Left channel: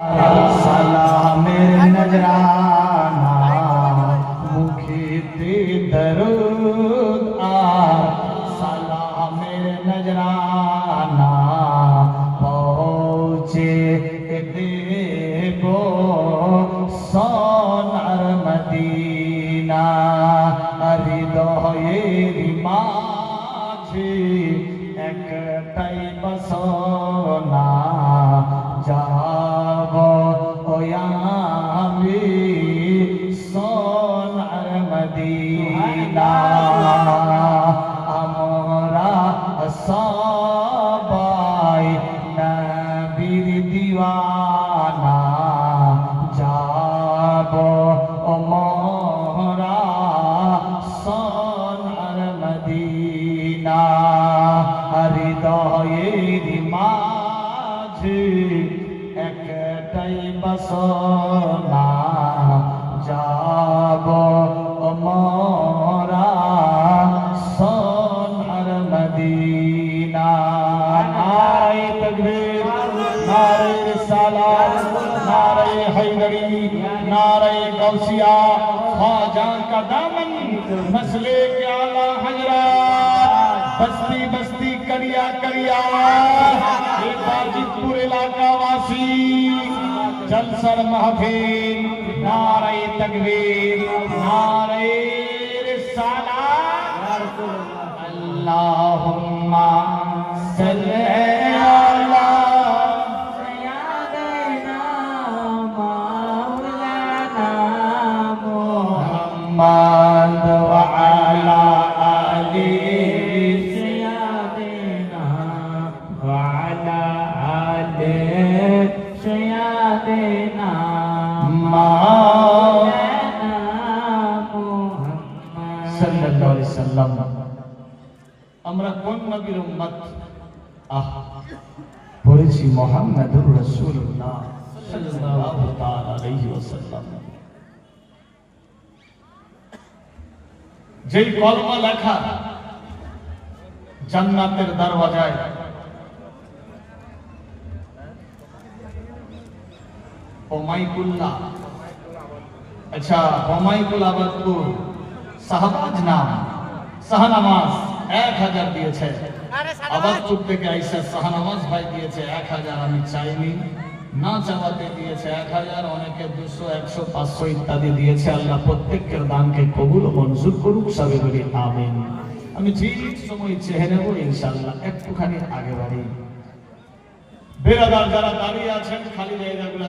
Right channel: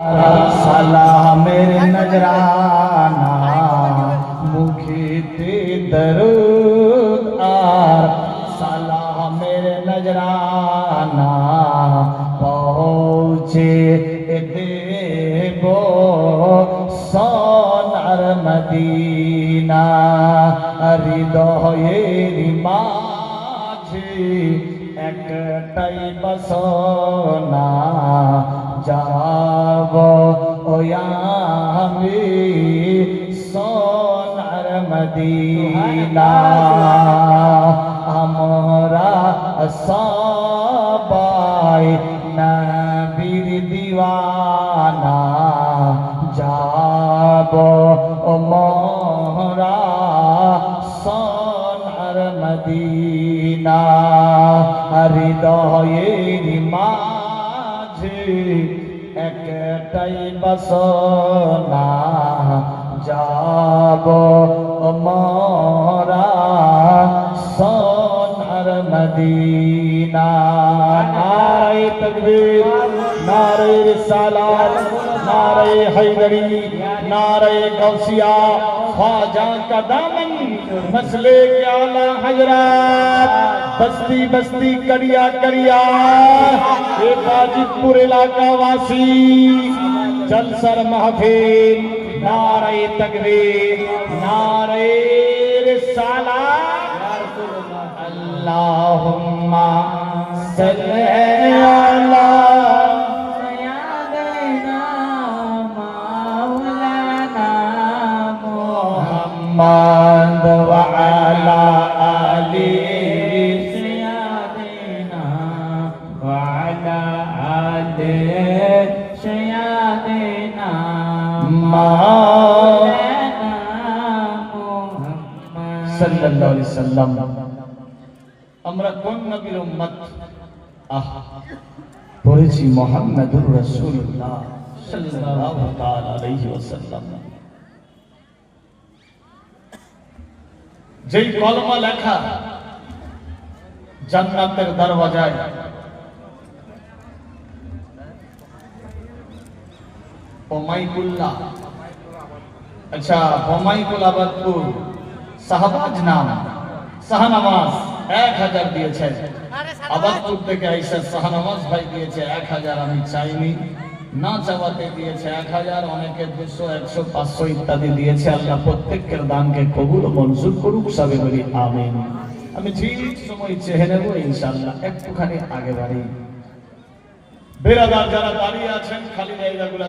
मेरे नजराना मुखीते दरूद सलाम मेरे नजराना पहुँचे देवो सोनार मदीना हृदयेर माझे एकटाई बसना सोनार मदीना हमरा सबाई नबीर दीवाना जाबो मोहरा सोनार मदीना हृदयेर माझे एकटाई बसना जाबो मोरा सोनार मदीना। नारे तकबीर, नारे रिसालत, नारे हैदरी, नारे गौसिया, ख्वाजा का दामन मसले के आला हजरात, बस्ती बस्ती करिया करिया गाजीपुर इलाका वासी जलसर महफिल नारे तकबीर नारे रिसालत अल्लाहुम्मा सल्ली अला सय्यिदना मौलाना मुहम्मद व अला आलि সাল্লাল্লাহু আলাইহি সাল্লাম। আমরা কোন নবীর উম্মত? পড়েছি মুহাম্মদুর রাসূলুল্লাহ সাল্লাল্লাহু তাআলা আলাইহি ওয়াসাল্লাম। যেই কলমা লেখা জান্নাতের দরওয়াজায় ওমাইকুল্লাহ, আচ্ছা ওমাইকুল আবাদপুর শাহবাজ নাম শাহনামাজ 1000 দিয়েছে। আবাদপুর থেকে আইসা শাহনামাজ ভাই দিয়েছে 1000, আমি চাইনি, না চাওয়াতে দিয়েছে 1000, অনেকে 200, 100, 500 ইত্যাদি দিয়েছে। আল্লাহ প্রত্যেকের দানকে কবুল ও মঞ্জুর করুক, সবাই বলি আমিন। আমি ঠিক সময় চেয়ে নেব ইনশাআল্লাহ। একটুখানি আগে বাড়ি বেরাদার যারা দাঁড়িয়ে আছেন খালি জায়গাগুলো